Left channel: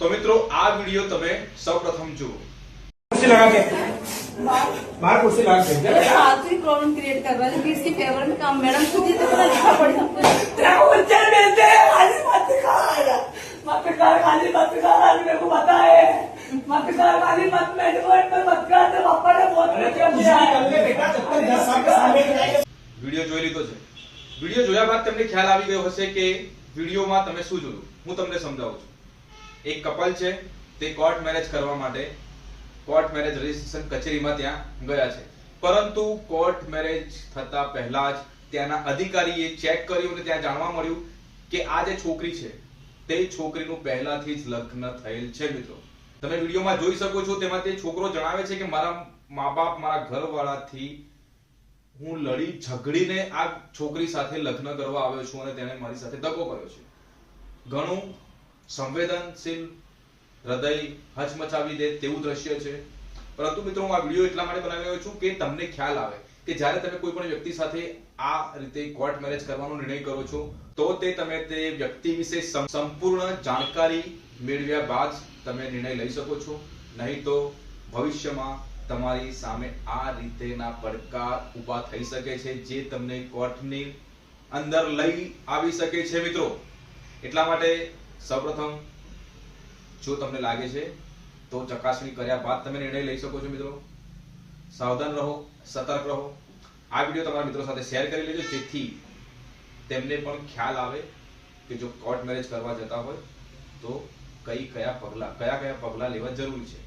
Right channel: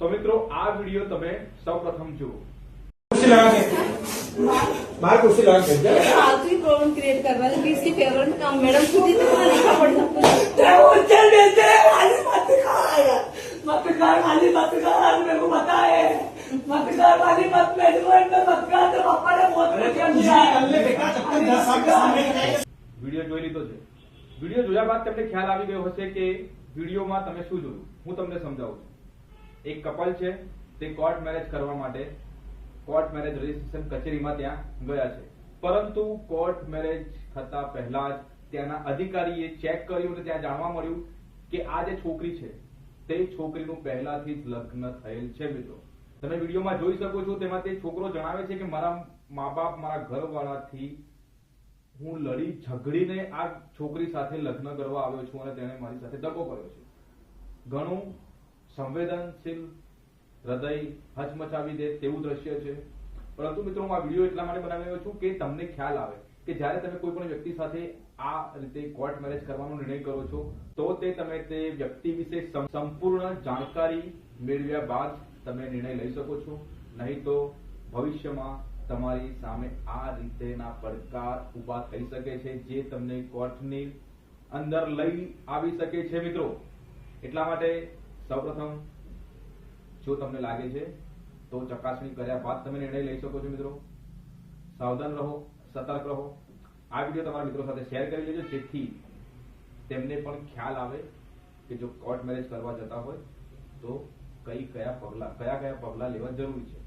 तो मित्रों आ वीडियो तमे सर्वप्रथम जुओ। कुर्सी लगा के बाहर कुर्सी लगा के फालतू प्रॉब्लम क्रिएट कर रहा है कि इसकी फेवरेट काम मैडम खुद ही पता लिखा पड़ी हमको खाली मत कर मेरे को पता है मत कर खाली मत मैनेजमेंट में मत कर तो पापा ने बहुत વિડિયો જોઈ લીધો છે। વિડિયો જોયા બાદ તમને ખ્યાલ આવી ગયો હશે કે વિડિયોમાં તમે શું જોયું। હું તમને સમજાવું છું। એક કપલ છે તે કોર્ટ મેરેજ કરવા માટે કોર્ટ મેરેજ રજિસ્ટ્રેશન કચેરીમાં ત્યાં ગયા છે, પરંતુ કોર્ટ મેરેજ થતા પહેલા જ ત્યાંના અધિકારીએ ચેક કર્યું અને ત્યાં જાણવા મળ્યું કે આ જે છોકરી છે તે છોકરીનું પહેલાથી જ લગ્ન થયેલ છે। મિત્રો તમે વિડિયોમાં જોઈ શકો છો, તેમાં તે છોકરો જણાવે છે કે મારા મા-બાપ મારા ઘરવાળાથી હું લડી ઝઘડીને આ છોકરી સાથે લગ્ન કરવા આવ્યો છું અને તેણે મારી સાથે ધક્કો કર્યો છે। ઘણું સંવેદનશીલ, હૃદય હચમચાવી દે તેવું દ્રશ્ય છે। પરંતુ મિત્રો હું આ વિડિયો એટલા માટે બનાવી રહ્યો છું કે તમને ખ્યાલ આવે કે જ્યારે તમે કોઈ પણ વ્યક્તિ સાથે આ રીતે કોર્ટ મેરેજ કરવાનો નિર્ણય કરો છો તો તે તમે તે વ્યક્તિ વિશે સંપૂર્ણ જાણકારી મેળવ્યા બાદ તમે નિર્ણય લઈ શકો છો, નહીં તો ભવિષ્યમાં તમારી સામે આ રીતેના પડકાર ઊભા થઈ શકે છે જે તમને કોર્ટની અંદર લઈ આવી શકે છે। મિત્રો એટલા માટે સૌપ્રથમ જો તમને લાગે છે તો ચકાસણી કર્યા બાદ તમે નિર્ણય લઈ શકો છો। મિત્રો સાવધાન રહો, સતર્ક રહો। આ વિડિયો તમારા મિત્રો સાથે શેર કરી લેજો જેથી તેમને પણ ખ્યાલ આવે કે જો કોર્ટ મેરેજ કરવા જતા હોય તો કયા પગલા લેવા જરૂરી છે।